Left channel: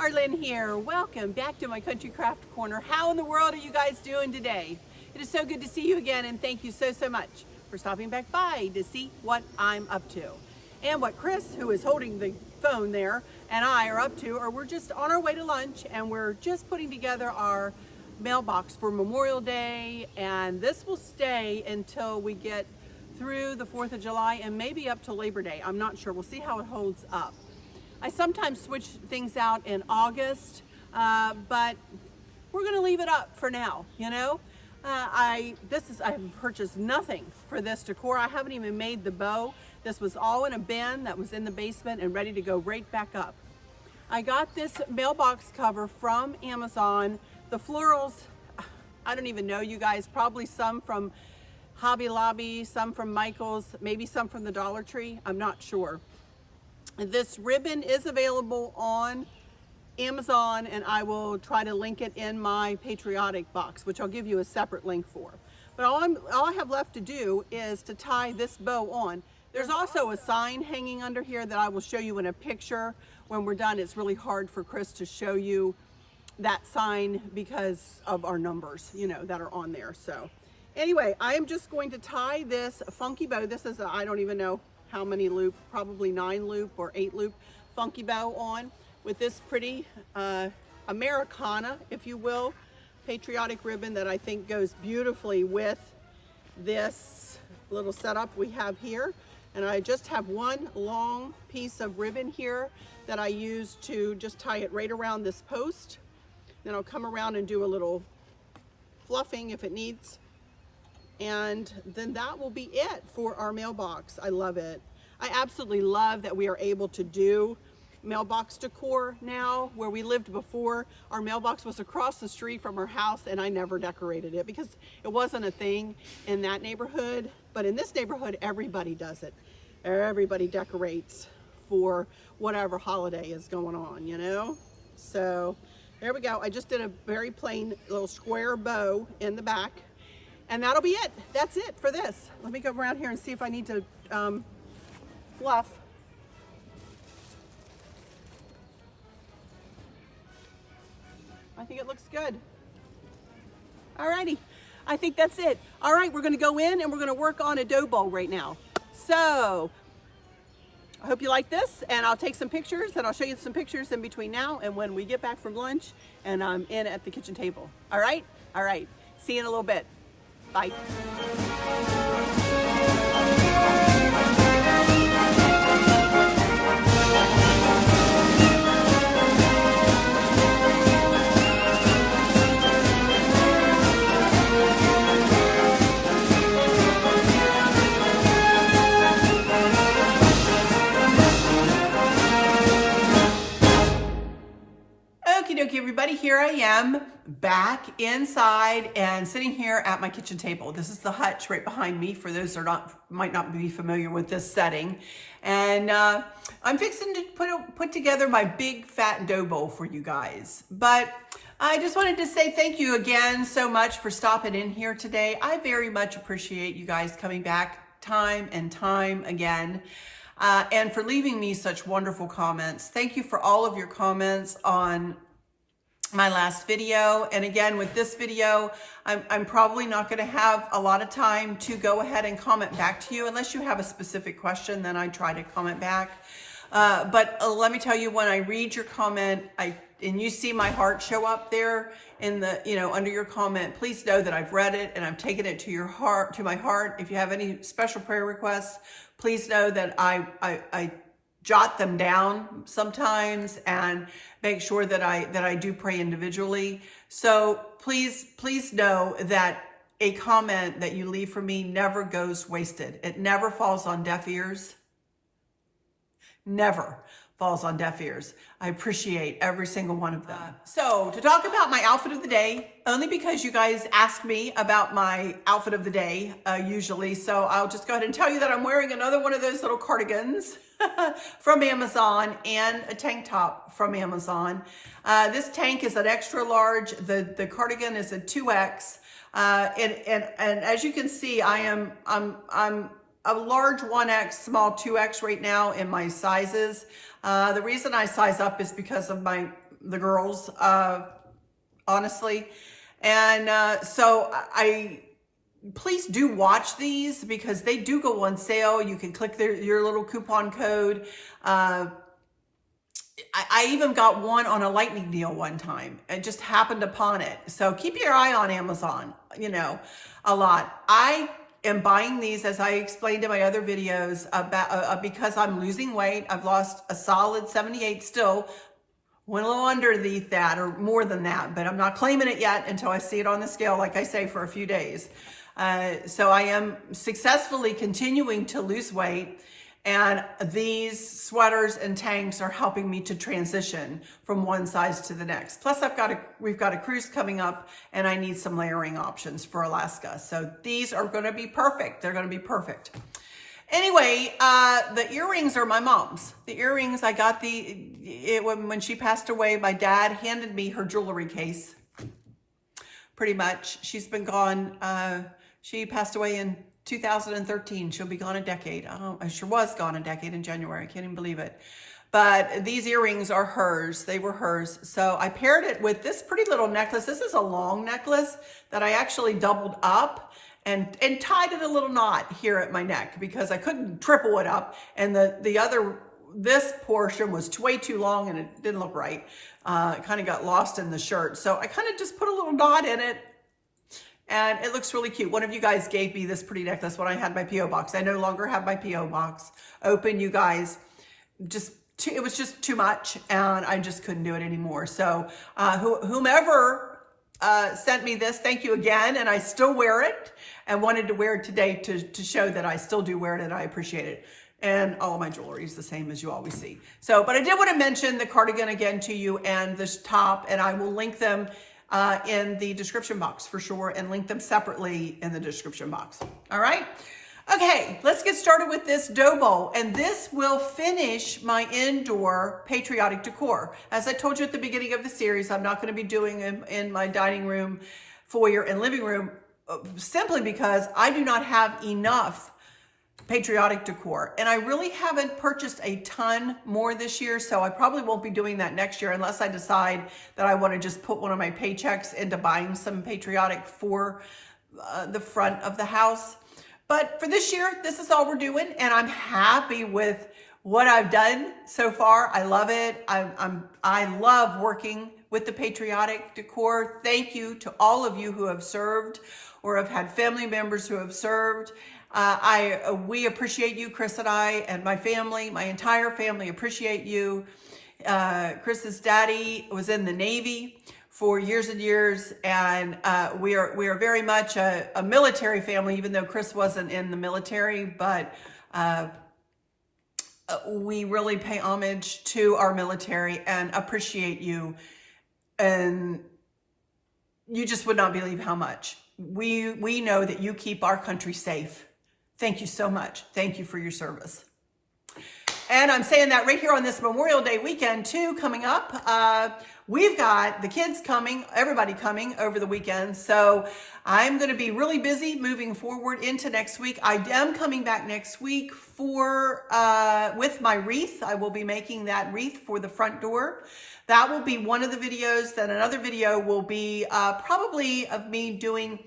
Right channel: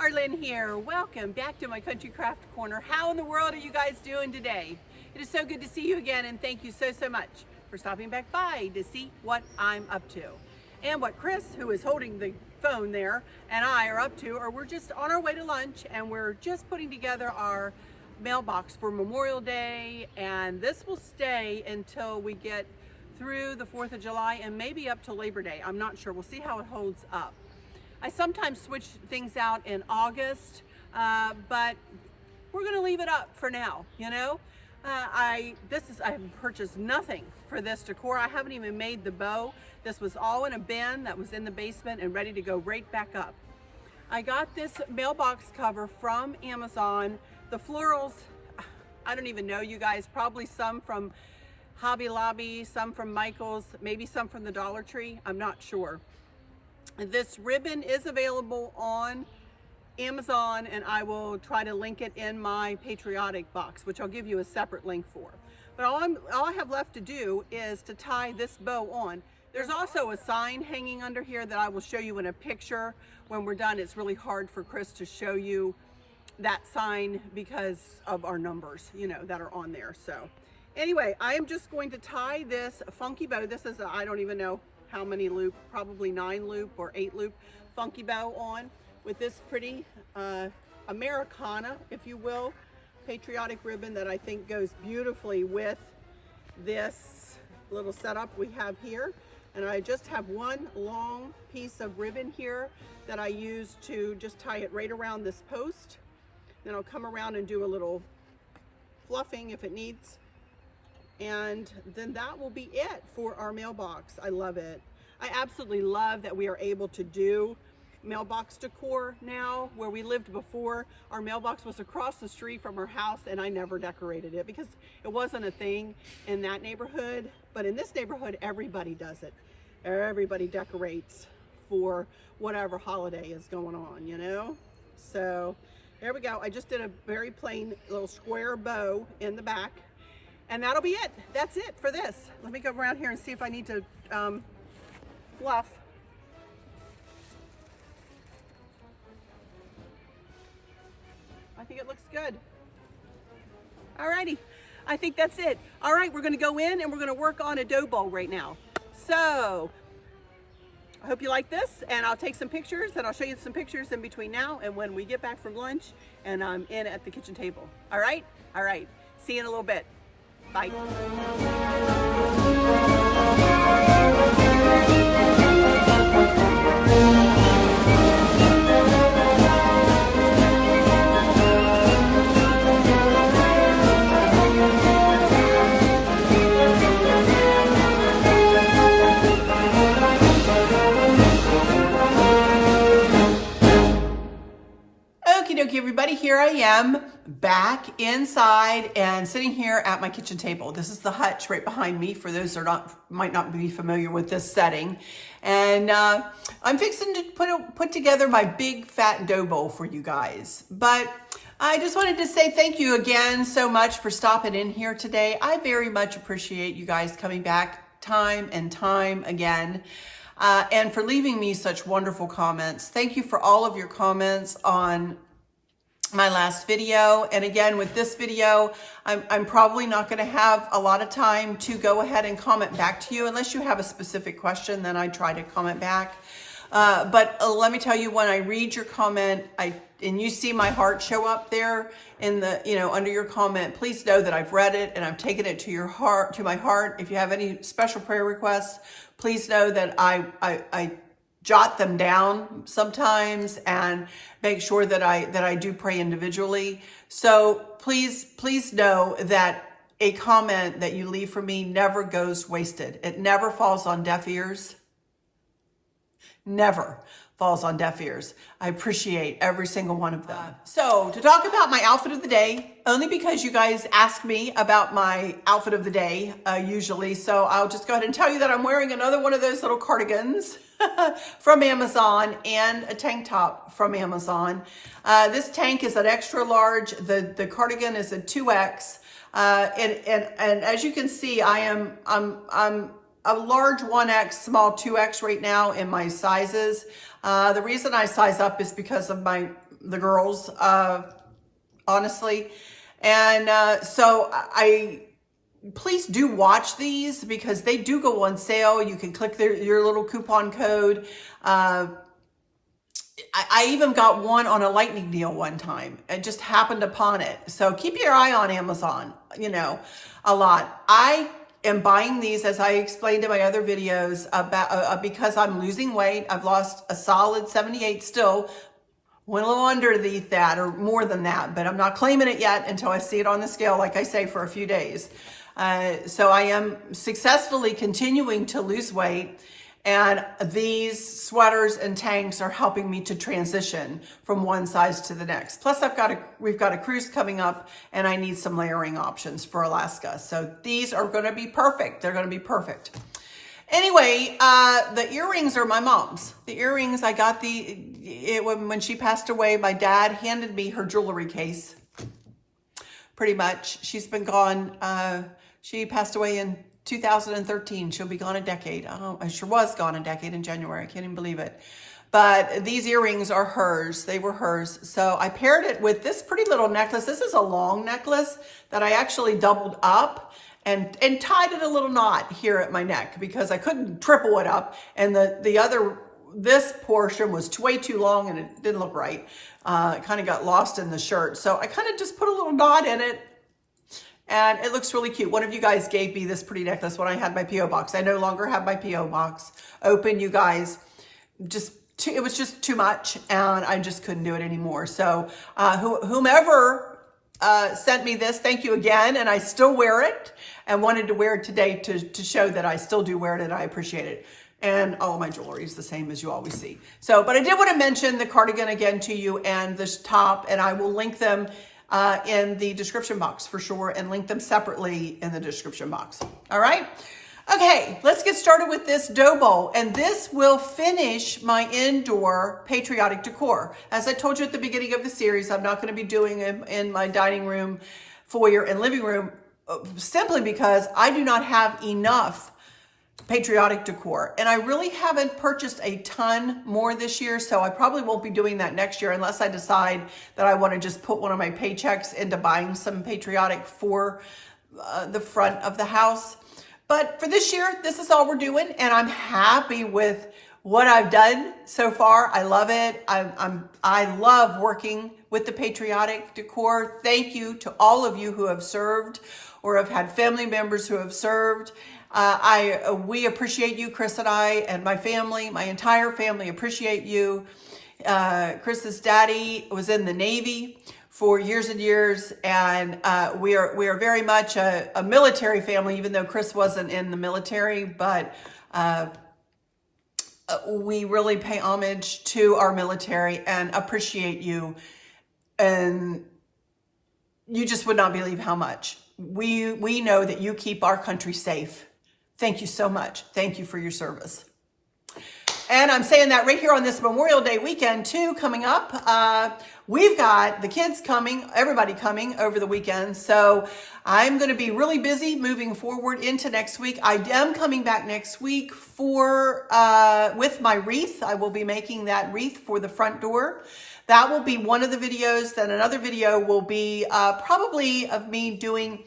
Arlynn here. Welcome back to my Country Craft Corner. How in the world are you guys doing today? It is so good to see you again, and thank you so much for stopping back by to see what I'm up to. And what Chris, who is holding the phone there, and I are up to, or we're just on our way to lunch, and we're just putting together our mailbox for Memorial Day, and this will stay until we get through the 4th of July and maybe up to Labor Day. I'm not sure. We'll see how it holds up. I sometimes switch things out in August, but we're going to leave it up for now, you know. I have purchased nothing for this decor. I haven't even made the bow. This was all in a bin that was in the basement and ready to go right back up. I got this mailbox cover from Amazon. The florals, I don't even know, you guys, probably some from Hobby Lobby, some from Michael's, maybe some from the Dollar Tree. I'm not sure. This ribbon is available on Amazon, and I will try to link it in my Patriotic box, which I'll give you a separate link for. But all I have left to do is to tie this bow on. There's also a sign hanging under here that I will show you in a picture when we're done. It's really hard for Chris to show you that sign because of our numbers, you know, that are on there. So anyway, I am just going to tie this funky bow. This is I don't even know how many loop, probably 9 loop or 8 loop funky bow on with this pretty Americana, if you will, patriotic ribbon that I think goes beautifully with this little setup we have here. And I just have one long piece of ribbon here that I use to just tie it right around this post. Then I'll come around and do a little fluffing if it needs. And then that will be it for our mailbox. I love it. I absolutely love that we are able to do mailbox decor now. Where we lived before, our mailbox was across the street from our house, and I never decorated it because it wasn't a thing in that neighborhood. But in this neighborhood, everybody does it. Everybody decorates for whatever holiday is going on, you know? So there we go. I just did a very plain little square bow in the back. And that'll be it. That's it for this. Let me go around here and see if I need to fluff. I think it looks good. Alrighty, I think that's it. All right, we're gonna go in and we're gonna work on a dough bowl right now. So, I hope you like this, and I'll take some pictures, and I'll show you some pictures in between now and when we get back from lunch and I'm in at the kitchen table. All right? All right, see you in a little bit. Bye. Okie dokie, everybody, here I am back inside and sitting here at my kitchen table. This is the hutch right behind me for those that might not be familiar with this setting. And I'm fixing to put together my big fat dough bowl for you guys. But I just wanted to say thank you again so much for stopping in here today. I very much appreciate you guys coming back time and time again. And for leaving me such wonderful comments. Thank you for all of your comments on my last video. And again, with this video, I'm probably not going to have a lot of time to go ahead and comment back to you unless you have a specific question. Then I try to comment back. But let me tell you, when I read your comment, and you see my heart show up there in the, you know, under your comment, please know that I've read it and I've taken it to your heart, to my heart. If you have any special prayer requests, please know that I jot them down sometimes and make sure that I do pray individually. So please know that a comment that you leave for me never goes wasted. It never falls on deaf ears. Never falls on deaf ears. I appreciate every single one of them. So to talk about my outfit of the day, only because you guys ask me about my outfit of the day usually, so I'll just go ahead and tell you that I'm wearing another one of those little cardigans from Amazon and a tank top from Amazon. This tank is an extra large. The cardigan is a 2X. And as you can see, I'm a large 1X, small 2X right now in my sizes. The reason I size up is because of the girls, honestly. And so please do watch these because they do go on sale. You can click your little coupon code. I even got one on a lightning deal one time. I just happened upon it. So keep your eye on Amazon, you know, a lot. I am buying these, as I explained in my other videos, about because I'm losing weight. I've lost a solid 78 still. Went a little underneath that or more than that, but I'm not claiming it yet until I see it on the scale, like I say, for a few days. So I am successfully continuing to lose weight. And these sweaters and tanks are helping me to transition from one size to the next. Plus we've got a cruise coming up and I need some layering options for Alaska. So these are going to be perfect. They're going to be perfect. Anyway, the earrings are my mom's. The earrings, I got when she passed away, my dad handed me her jewelry case. Pretty much. She's been gone. She passed away in 2013. She'll be gone a decade. I sure was gone a decade in January. I can't even believe it. But these earrings are hers. They were hers. So I paired it with this pretty little necklace. This is a long necklace that I actually doubled up and tied it a little knot here at my neck because I couldn't triple it up. And this portion was way too long and it didn't look right. It kind of got lost in the shirt. So I kind of just put a little knot in it. And it looks really cute. One of you guys gave me this pretty necklace when I had my P.O. box. I no longer have my P.O. box open, you guys. It was just too much, and I just couldn't do it anymore. So whomever sent me this, thank you again. And I still wear it and wanted to wear it today to show that I still do wear it and I appreciate it. And all of my jewelry is the same as you always see. So, but I did want to mention the cardigan again to you and this top, and I will link them in the description box for sure and link them separately in the description box. All right. Okay, let's get started with this dough bowl. And this will finish my indoor patriotic decor. As I told you at the beginning of the series, I'm not going to be doing them in my dining room, foyer, and living room simply because I do not have enough patriotic decor. And I really haven't purchased a ton more this year, so I probably won't be doing that next year unless I decide that I want to just put one of my paychecks into buying some patriotic for the front of the house. But for this year, this is all we're doing, and I'm happy with what I've done so far. I love it. I love working with the patriotic decor. Thank you to all of you who have served or have had family members who have served. We appreciate you, Chris and I, and my family, my entire family appreciate you. Chris's daddy was in the Navy for years and years, and we are very much a military family, even though Chris wasn't in the military, but we really pay homage to our military and appreciate you, and you just would not believe how much. We know that you keep our country safe. Thank you so much. Thank you for your service. And I'm saying that right here on this Memorial Day weekend too, coming up. We've got the kids coming, everybody coming over the weekend. So I'm going to be really busy moving forward into next week. I am coming back next week with my wreath. I will be making that wreath for the front door. That will be one of the videos. Then another video will be probably of me doing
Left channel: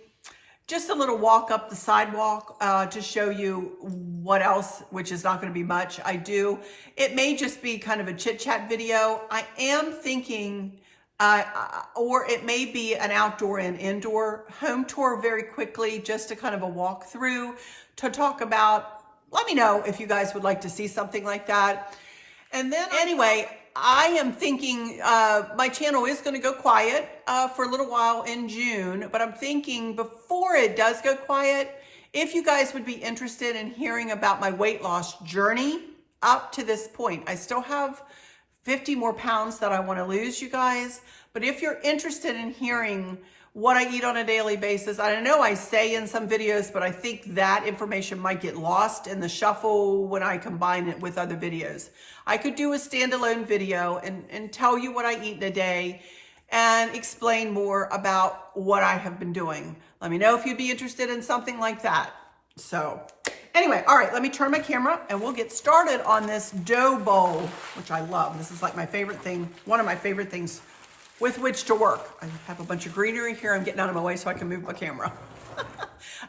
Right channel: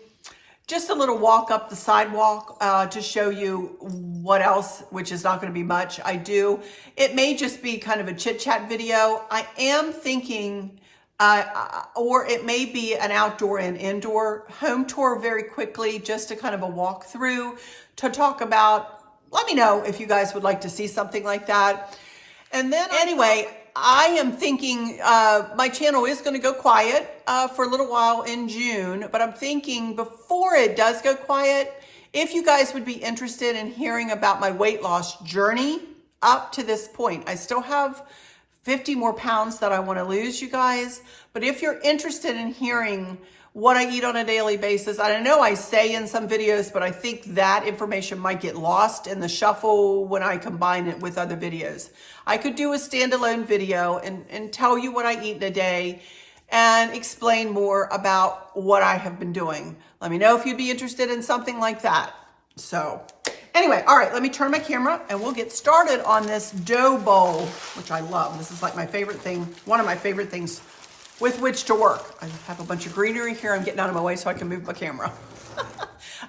just a little walk up the sidewalk to show you what else, which is not going to be much, I do. It may just be kind of a chit-chat video. I am thinking, or it may be an outdoor and indoor home tour very quickly, just to kind of a walk through to talk about. Let me know if you guys would like to see something like that. And then anyway, I am thinking my channel is going to go quiet for a little while in June, but I'm thinking before it does go quiet, if you guys would be interested in hearing about my weight loss journey up to this point. I still have 50 more pounds that I want to lose, you guys, but if you're interested in hearing what I eat on a daily basis, I know I say in some videos, but I think that information might get lost in the shuffle when I combine it with other videos. I could do a standalone video and tell you what I eat in a day and explain more about what I have been doing. Let me know if you'd be interested in something like that. So Anyway, all right, let me turn my camera and we'll get started on this dough bowl, which I love. This is like my favorite thing, one of my favorite things with which to work. I have a bunch of greenery here. I'm getting out of my way so I can move my camera.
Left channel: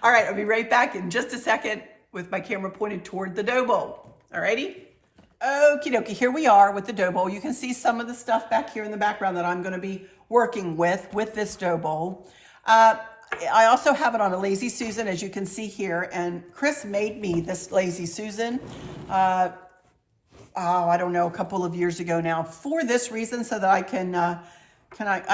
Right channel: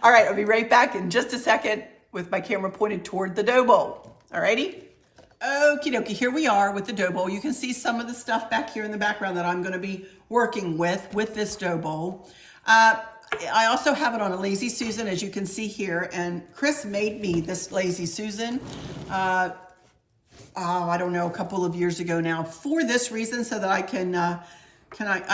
All right, I'll be right back in just a second with my camera pointed toward the dough bowl. All righty? Okie dokie, here we are with the dough bowl. You can see some of the stuff back here in the background that I'm gonna be working with this dough bowl. I also have it on a Lazy Susan, as you can see here, and Chris made me this Lazy Susan, I don't know, a couple of years ago now, for this reason, so that I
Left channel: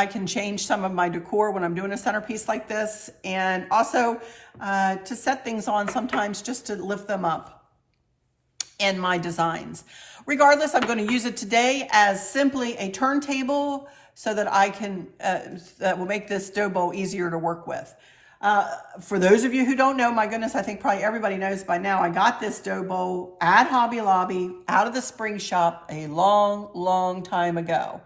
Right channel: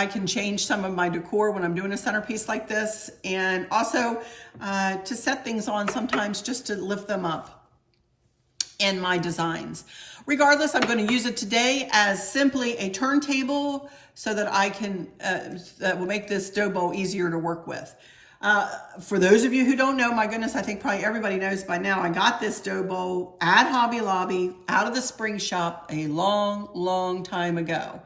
can change some of my decor when I'm doing a centerpiece like this, and also to set things on sometimes just to lift them up in my designs. Regardless, I'm going to use it today as simply a turntable so that I can, that will make this dough bowl easier to work with. For those of you who don't know, my goodness, I think probably everybody knows by now, I got this dough bowl at Hobby Lobby out of the spring shop a long time ago.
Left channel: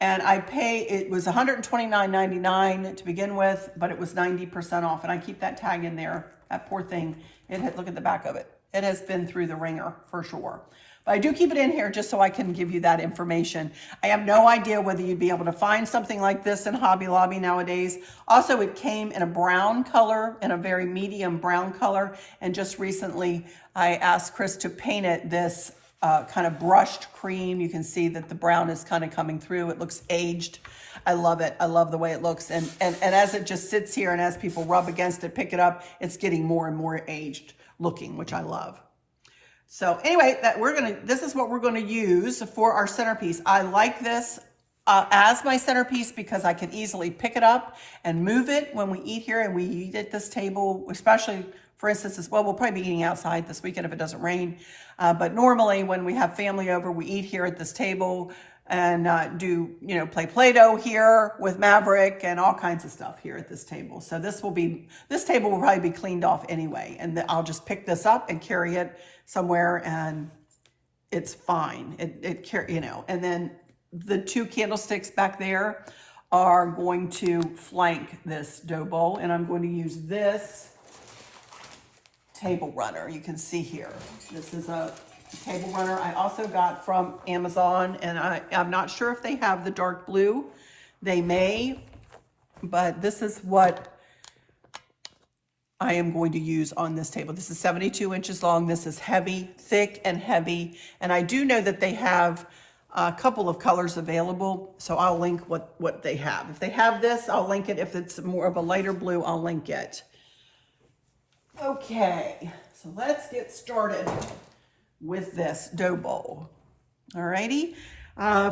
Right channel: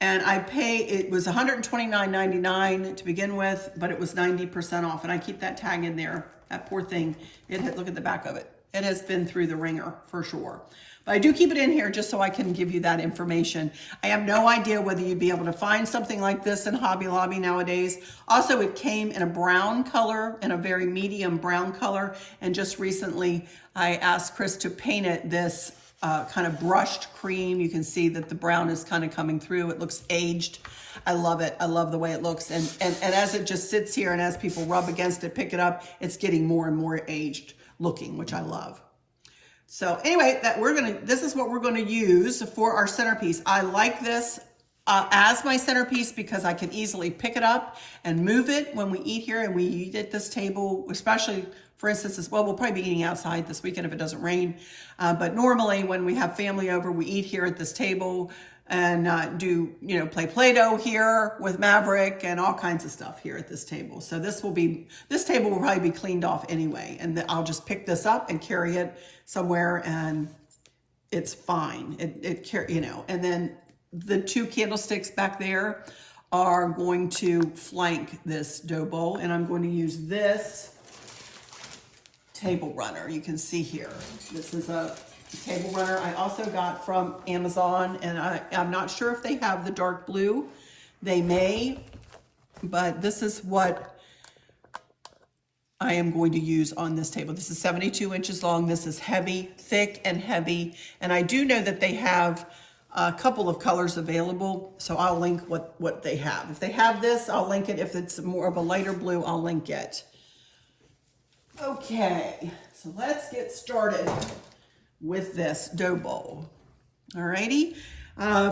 And it was $129.99 to begin with, but it was 90% off. And I keep that tag in there. That poor thing, look at the back of it. It has been through the ringer for sure. But I do keep it in here just so I can give you that information. I have no idea whether you'd be able to find something like this in Hobby Lobby nowadays. Also, it came in a brown color, in a very medium brown color. And just recently, I asked Chris to paint it this kind of brushed cream. You can see that the brown is kind of coming through. It looks aged. I love it. I love the way it looks. And as it just sits here and as people rub against it, pick it up, it's getting more and more aged looking, which I love. So anyway, this is what we're going to use for our centerpiece. I like this as my centerpiece because I can easily pick it up and move it when we eat here, and we eat at this table, especially, for instance, as well, we'll probably be eating outside this weekend if it doesn't rain. But normally when we have family over, we eat here at this table and play Play-Doh here with Maverick and all kinds of stuff here at this table. So this table will probably be cleaned off anyway, and I'll just pick this up and carry it somewhere, and it's fine. And then the two candlesticks back there are going to flank this dough bowl, and I'm going to use this table runner. You can see here, this is a table runner I also got from Amazon, and I'm not sure if they have the dark blue. They may, but this is what I am going to use on this table. This is 72 inches long. This is heavy, thick and heavy, and I do know that they have a couple of colors available, so I'll link what they have. If they have this, I'll link it. If it's more of a lighter blue, I'll link it. Okay, so let's get started with this dough bowl. Alrighty.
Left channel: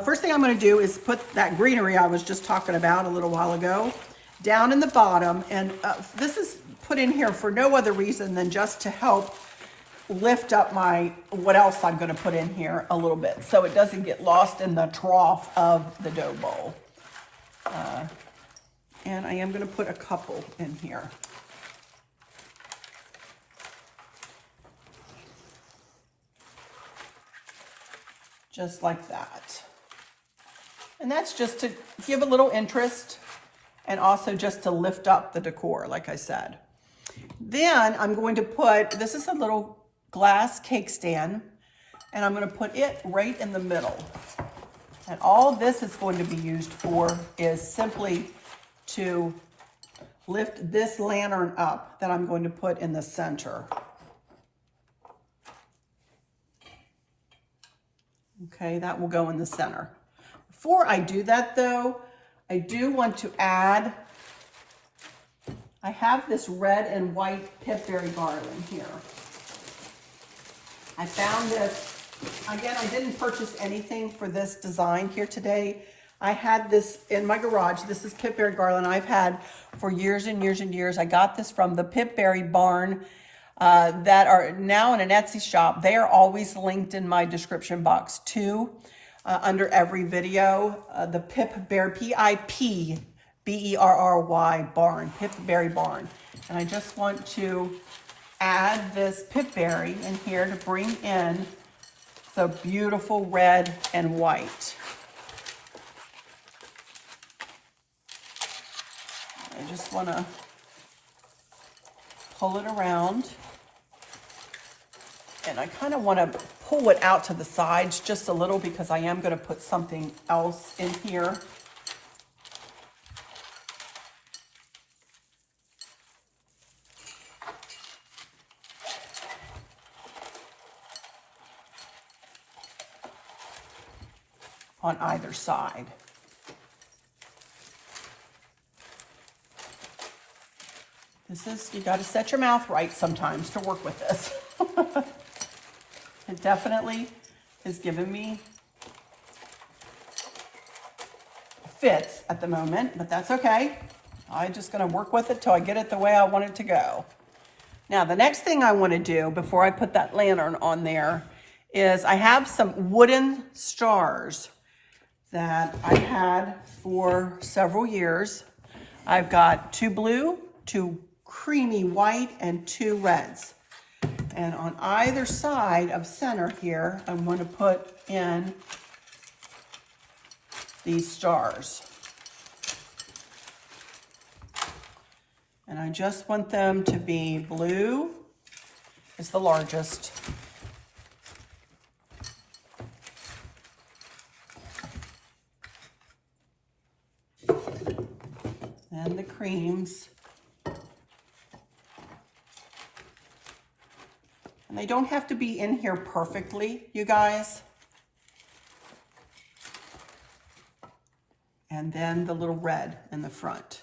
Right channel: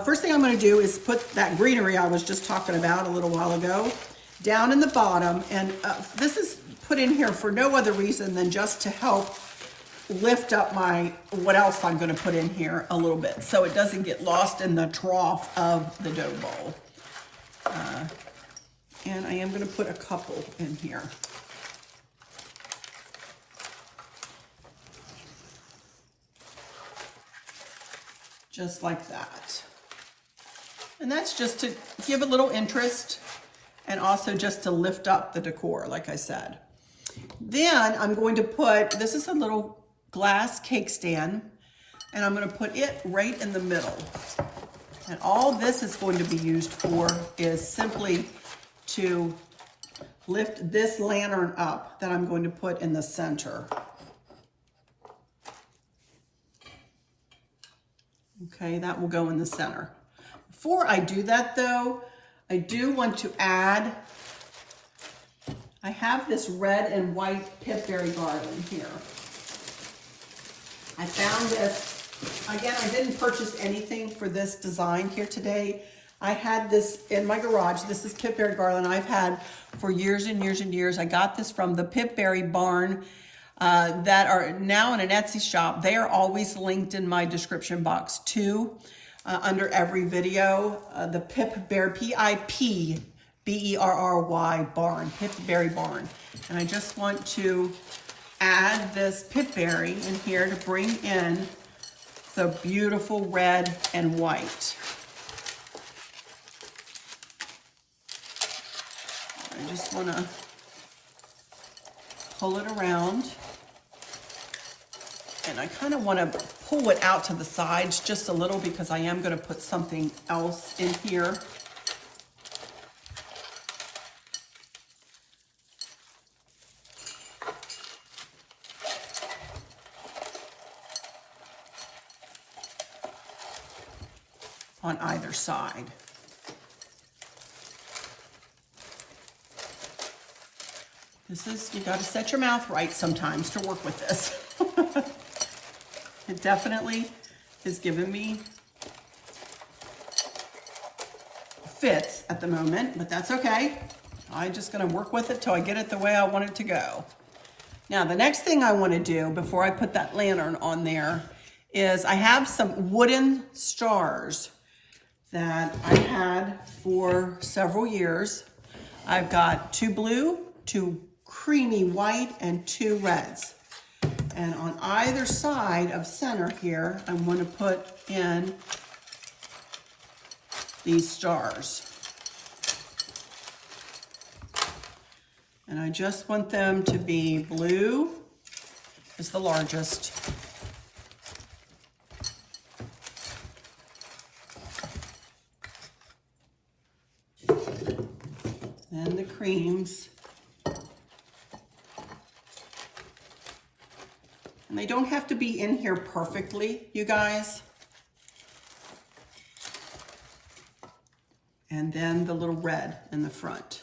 First thing I'm going to do is put that greenery I was just talking about a little while ago down in the bottom, and this is put in here for no other reason than just to help lift up what else I'm going to put in here a little bit, so it doesn't get lost in the trough of the dough bowl. And I am going to put a couple in here. Just like that. And that's just to give a little interest and also just to lift up the decor, like I said. Then I'm going to put, this is a little glass cake stand, and I'm going to put it right in the middle. And all this is going to be used for is simply to lift this lantern up that I'm going to put in the center. Okay, that will go in the center. Before I do that though, I do want to add, I have this red and white Pip Berry Barn here. I found this, again, I didn't purchase anything for this design here today. I had this in my garage. This is Pip Berry Garland I've had for years and years and years. I got this from the Pip Berry Barn that are now in an Etsy shop. They are always linked in my description box too, under every video. The Pip Berry, P-I-P-B-E-R-R-Y Barn, Pip Berry Barn. And I just want to add this Pip Berry in here to bring in the beautiful red and white. I just want to pull it around. And I kind of want to pull it out to the sides just a little because I am going to put something else in here. On either side. This is, you got to set your mouth right sometimes to work with this. It definitely has given me fits at the moment, but that's okay. I'm just going to work with it till I get it the way I want it to go. Now, the next thing I want to do before I put that lantern on there is I have some wooden stars that I had for several years. I've got 2 blue, 2 creamy white, and 2 reds. And on either side of center here, I'm going to put in these stars. And I just want them to be blue is the largest. And the creams. And they don't have to be in here perfectly, you guys. And then the little red in the front.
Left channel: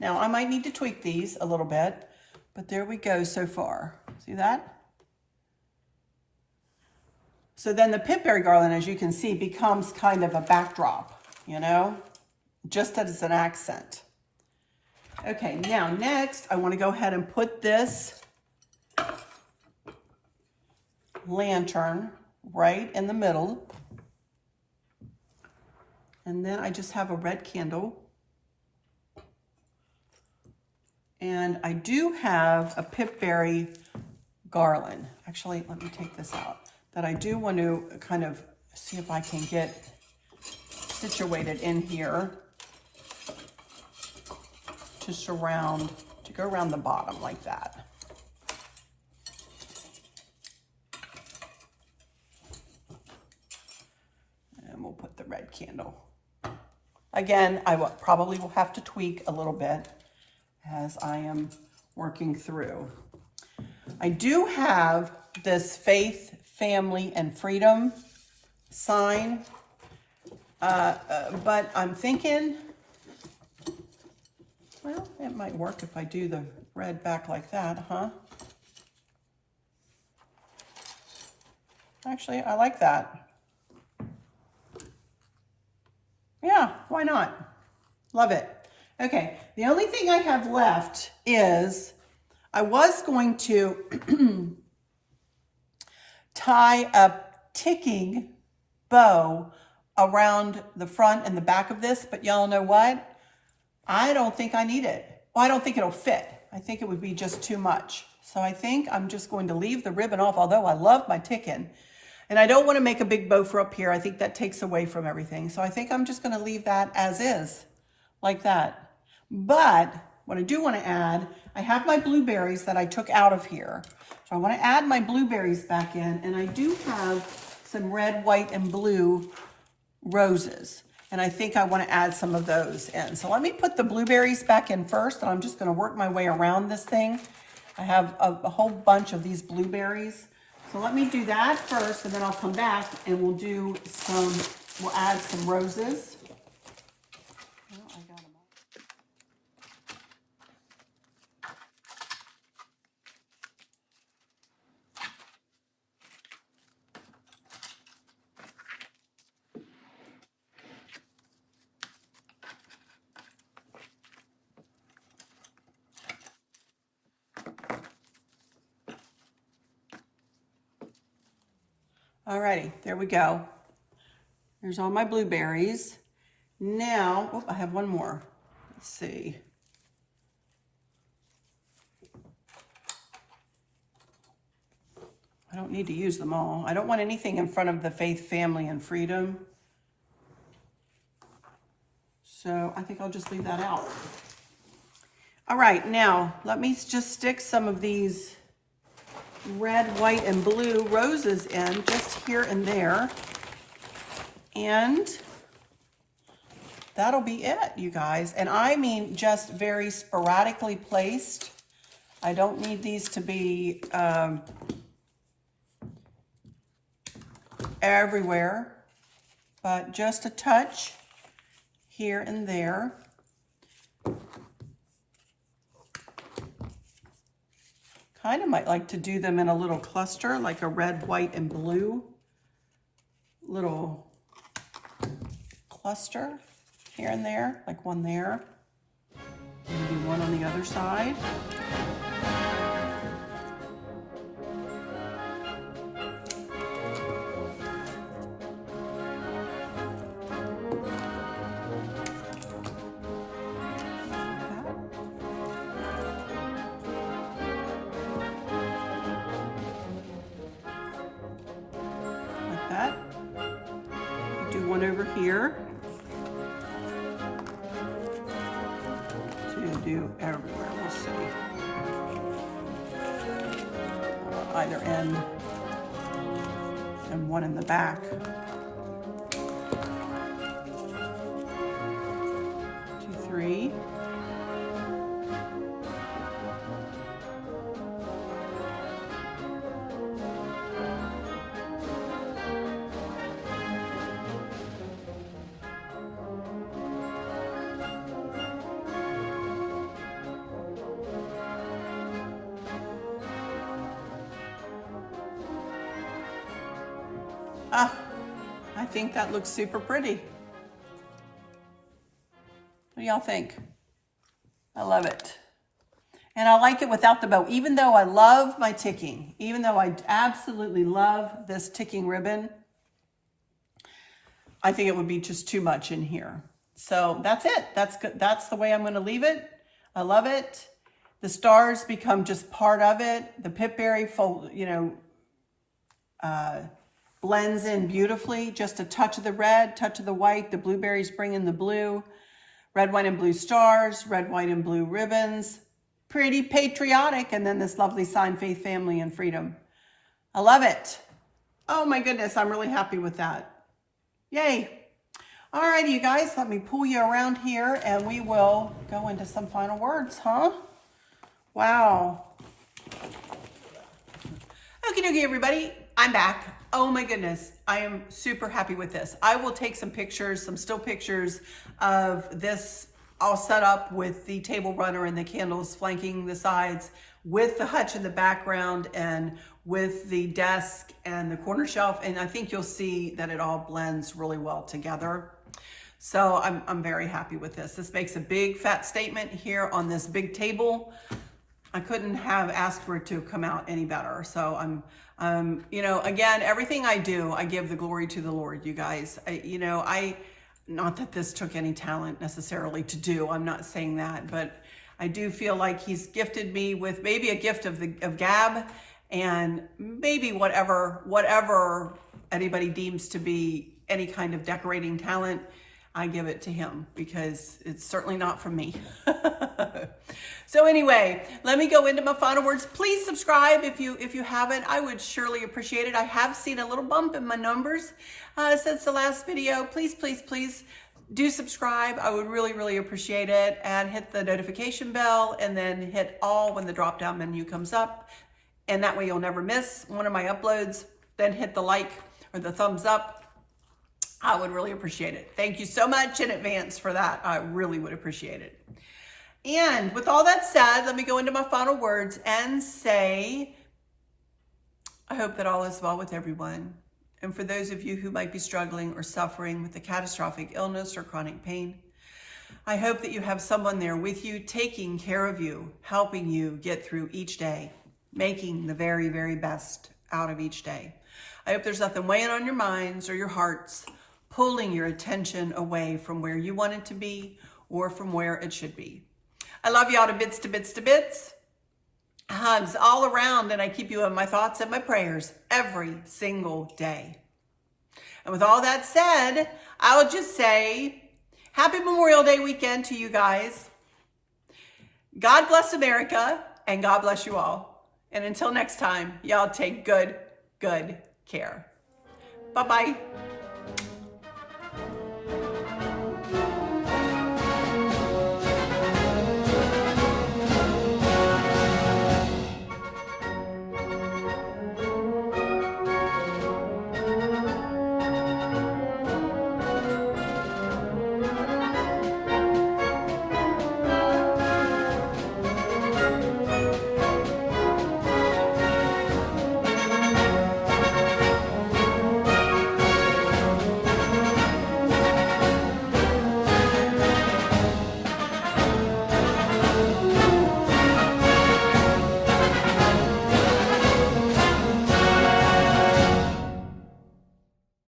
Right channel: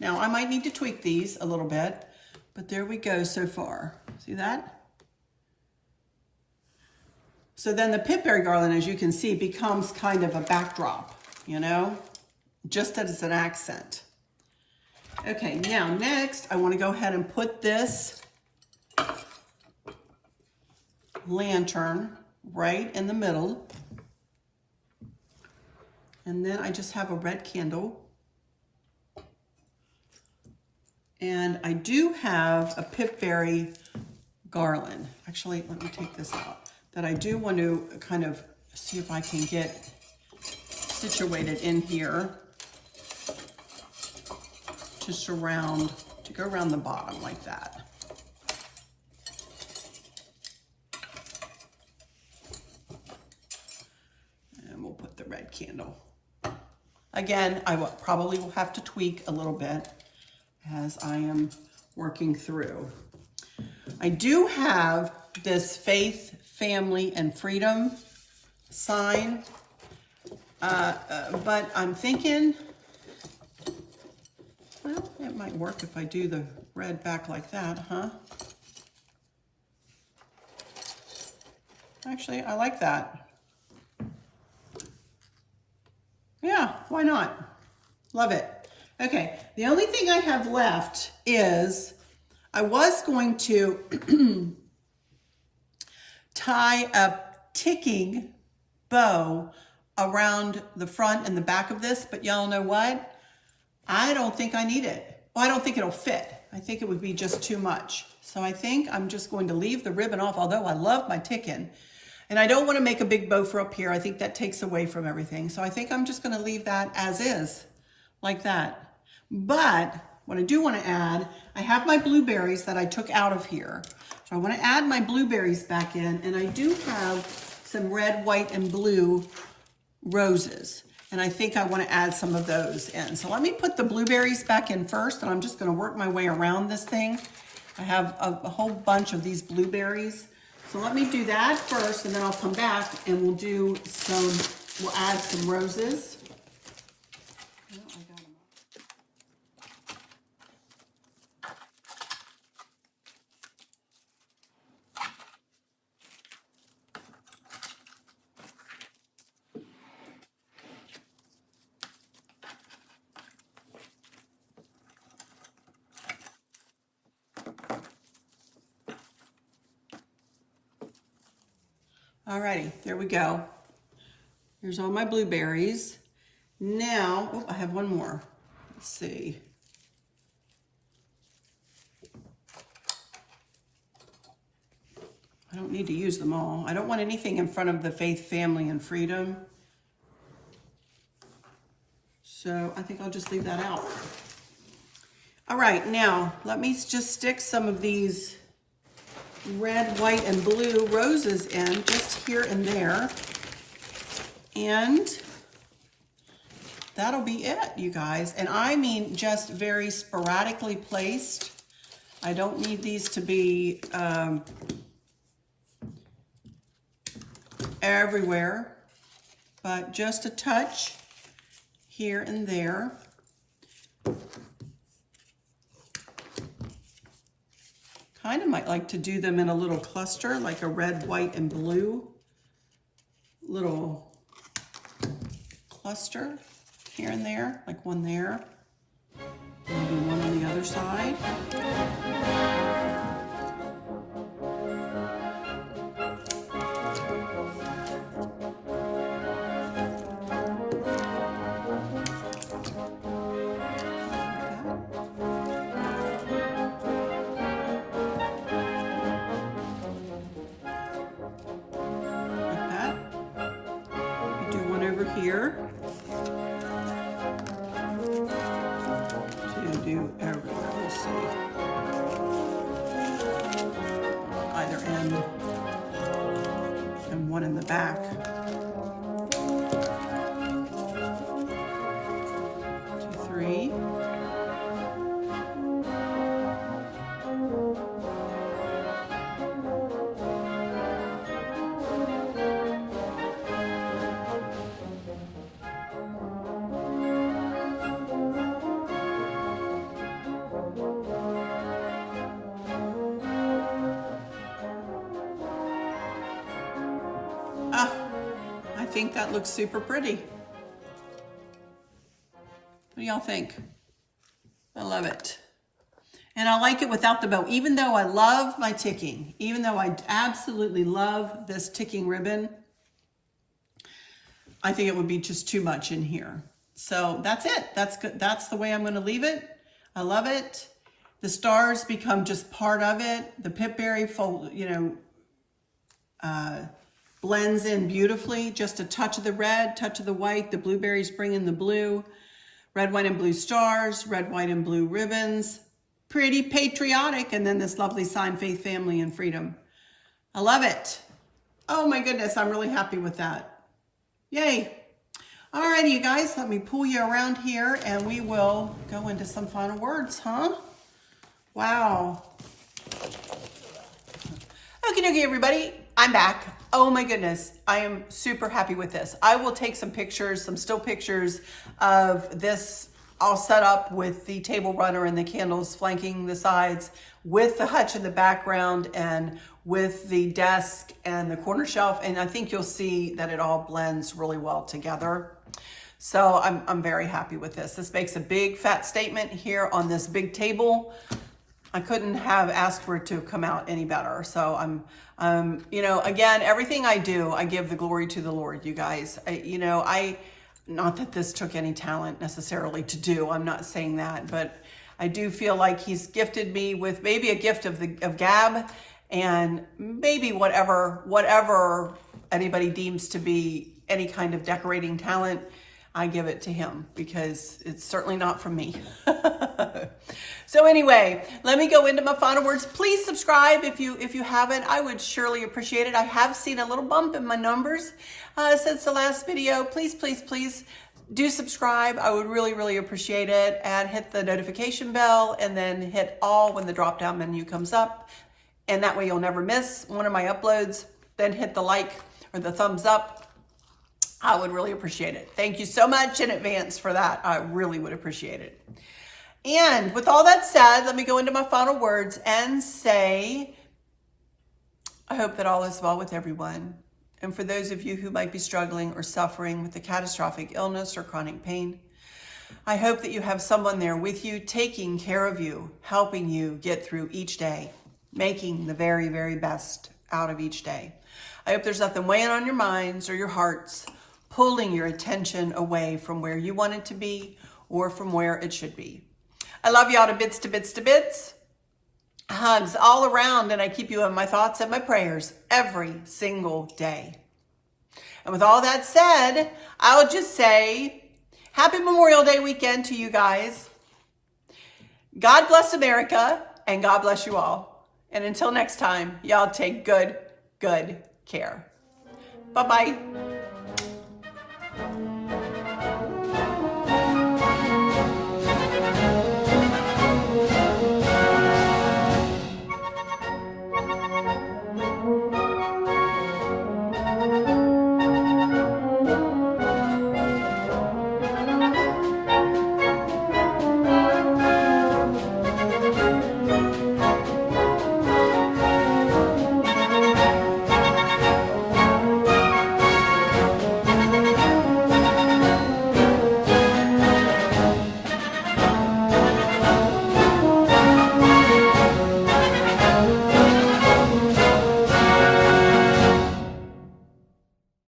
Now, I might need to tweak these a little bit, but there we go so far. See that? So then the Pip Berry garland, as you can see, becomes kind of a backdrop, you know, just as an accent. Okay, now next, I want to go ahead and put this lantern right in the middle. And then I just have a red candle. And I do have a Pip Berry garland. Actually, let me take this out. That I do want to kind of see if I can get situated in here to surround, to go around the bottom like that. And we'll put the red candle. Again, I probably will have to tweak a little bit as I am working through. I do have this faith, family, and freedom sign, but I'm thinking, well, it might work if I do the red back like that, huh? Actually, I like that. Yeah, why not? Love it. Okay, the only thing I have left is I was going to tie a ticking bow around the front and the back of this, but y'all know what? I don't think I need it. Well, I don't think it'll fit. I think it would be just too much. So I think I'm just going to leave the ribbon off, although I love my ticking. And I don't want to make a big bow for up here. I think that takes away from everything. So I think I'm just going to leave that as is, like that. But what I do want to add, I have my blueberries that I took out of here. So I want to add my blueberries back in, and I do have some red, white, and blue roses. And I think I want to add some of those in. So let me put the blueberries back in first, and I'm just going to work my way around this thing. I have a whole bunch of these blueberries. So let me do that first, and then I'll come back and we'll add some roses. Alrighty, there we go. There's all my blueberries. Now, oh, I have one more. Let's see. I don't need to use them all. I don't want anything in front of the faith, family, and freedom. So I think I'll just leave that out. All right, now let me just stick some of these red, white, and blue roses in just here and there. And that'll be it, you guys. And I mean just very sporadically placed. I don't need these to be everywhere, but just a touch here and there. Kind of might like to do them in a little cluster, like a red, white, and blue little cluster here and there, like one there, maybe one on the other side. Here to do everywhere. Let's see. Either end and one in the back. 2, 3. I think that looks super pretty. What do y'all think? I love it. And I like it without the bow. Even though I love my ticking, even though I absolutely love this ticking ribbon, I think it would be just too much in here. So that's it. That's good. That's the way I'm going to leave it. I love it. The stars become just part of it. The Pip Berry fold, blends in beautifully. Just a touch of the red, touch of the white. The blueberries bring in the blue. Red, white, and blue stars. Red, white, and blue ribbons. Pretty patriotic. And then this lovely sign, faith, family, and freedom. I love it. Oh my goodness, I'm really happy with that. Yay. Alrighty, you guys, let me pull you around here and we will go into some final words, huh? Wow. Okie dokie, everybody. I'm back. Oh my goodness. I am super happy with this. I will take some pictures, some still pictures of this all set up with the table runner and the candles flanking the sides with the hutch in the background and with the desk and the corner shelf. And I think you'll see that it all blends really well together. So I'm very happy with this. This makes a big fat statement here on this big table. I couldn't have asked for it to come out any better. So again, everything I do, I give the glory to the Lord, you guys. Not that this took any talent necessarily to do. I'm not saying that, but I do feel like he's gifted me with maybe a gift of gab and maybe whatever anybody deems to be any kind of decorating talent. I give it to him because it's certainly not from me. So anyway, let me go into my final words. Please subscribe if you haven't. I would surely appreciate it. I have seen a little bump in my numbers since the last video. Please, please, please do subscribe. I would really, really appreciate it. And hit the notification bell and then hit all when the drop down menu comes up. And that way you'll never miss one of my uploads. Then hit the like or the thumbs up. I would really appreciate it. Thank you so much in advance for that. I really would appreciate it. And with all that said, let me go into my final words and say, I hope that all is well with everyone. And for those of you who might be struggling or suffering with a catastrophic illness or chronic pain, I hope that you have someone there with you, taking care of you, helping you get through each day, making the very, very best out of each day. I hope there's nothing weighing on your minds or your hearts, pulling your attention away from where you want it to be or from where it should be. I love y'all to bits, to bits, to bits. Hugs all around, and I keep you in my thoughts and my prayers every single day. And with all that said, I'll just say, Happy Memorial Day weekend to you guys. God bless America, and God bless you all. And until next time, y'all take good care. Bye-bye.